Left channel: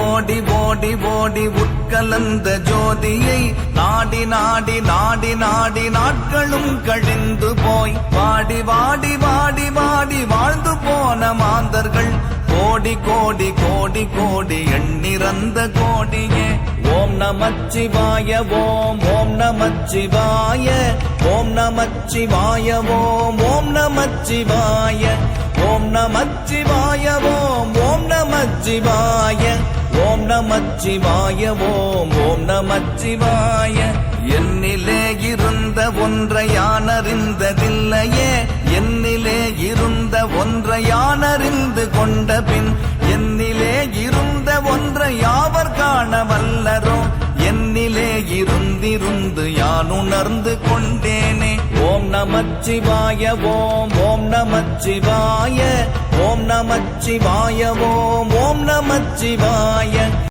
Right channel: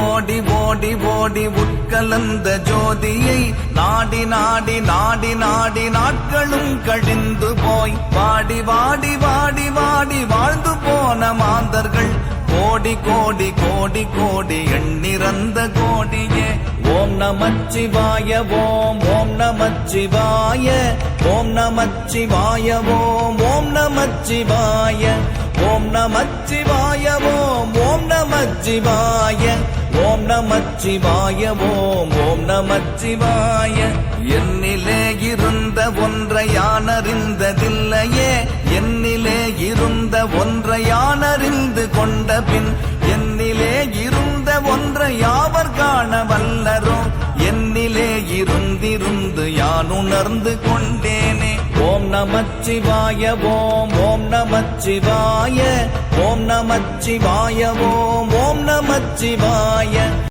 ஓடி ஓடி ஓடி உட்கலந்த ஜோதியை நாடி நாடி நாடி நாடி நாட்களும் கழிந்து போய் வாடி வாடி வாடி வாடி வாழ்ந்து போன மாந்தர்கள் கோடி கோடி கோடி கோடி எண்ணிறந்த கோடியே. ஓம் நமச்சிவாய ஓம் ஓம் நமச்சிவாய ஓம் நமச்சிவாய ஓம் ஓம் நமச்சிவாய ஓம் நமச்சிவாய ஓம் ஓம் நமச்சிவாய ஓம் நமச்சிவாய ஓம் ஓம் நமச்சிவாய.